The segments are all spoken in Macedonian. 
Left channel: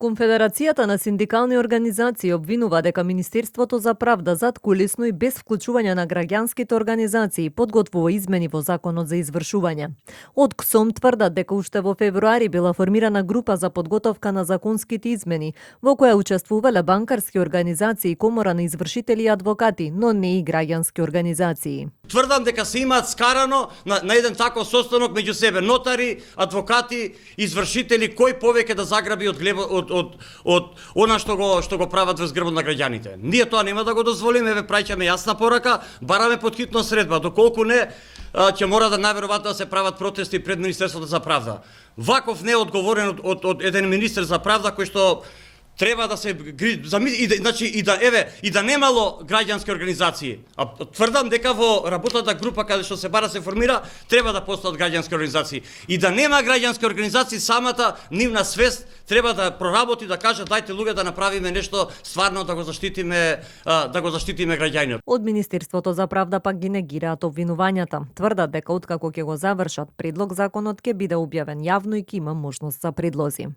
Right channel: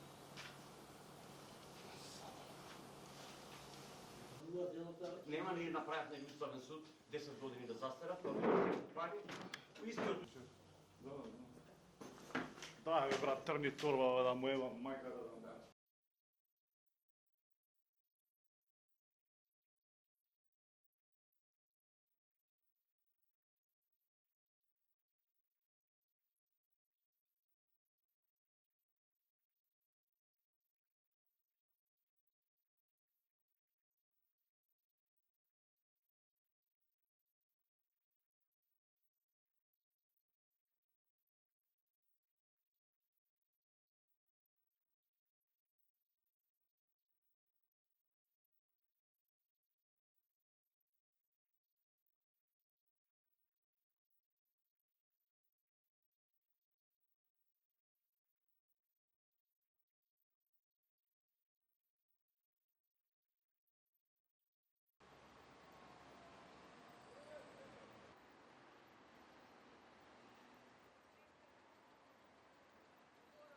Конфедерацијата на синдикални организации обвинува дека Министерството за правда заткулисно и без вклучување на граѓанските организации подготвува измени во Законот за извршување. Од КСОМ тврдат дека уште во февруари била формирана група за подготовка на законските измени, во која учествувале банкарски организации, комора на извршители и адвокати, но не и граѓански организации. Тврдам дека се имаат скарано на еден таков состанок меѓу себе нотари, адвокати, извршители, кој повеќе да заграби од она што го прават во згрбот на граѓаните. Ние тоа нема да го дозволиме, ве праќаме јасна порака, бараме поthitno средба, доколку не ќе мора да најверојатно да се прават протести пред Министерството за правда. Ваков не е одговорен од еден министер за правда кој што треба да се и да немало граѓански организации. А тврдам дека во работната група каде што се бара се формира, треба да постојат граѓански организации. И да нема граѓански организации, самата нивна свест треба да проработи, да каже дајте луѓе да направиме нешто стварно да го заштитиме граѓаниот. Од Министерството за правда пак ги негираат обвинувањата. Тврдат дека откако ќе го завршат предлог законот ќе биде објавен јавно и ќе има можност за предлози.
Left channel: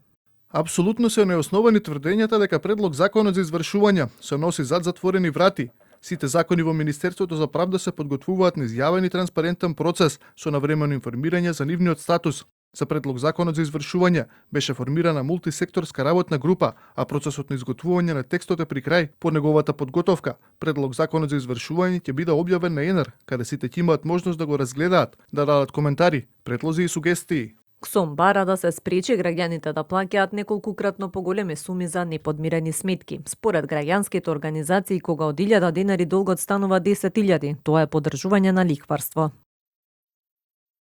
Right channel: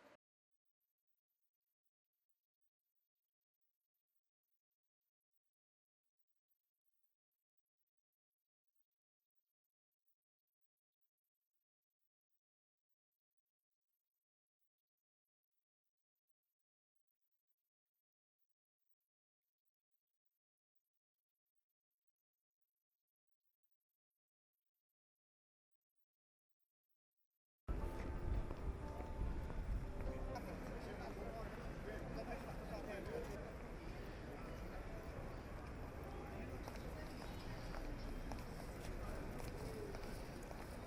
Апсолутно се неосновани тврдењата дека предлог законот за извршување се носи зад затворени врати. Сите закони во Министерството за правда се подготвуваат низ јавен и транспарентен процес со навремено информирање за нивниот статус. За предлог законот за извршување беше формирана мултисекторска работна група, а процесот на изготвување на текстот е при крај. По неговата подготовка, предлог законот за извршување ќе биде објавен на ЕНР, каде сите ќе имаат можност да го разгледаат, да дадат коментари, предлози и сугестии. КСОМ бара да се спречи граѓаните да плаќаат неколкукратно поголеми суми за неподмирени сметки. Според граѓанските организации, кога од 1000 денари долгот станува 10.000, тоа е поддржување на лихварство.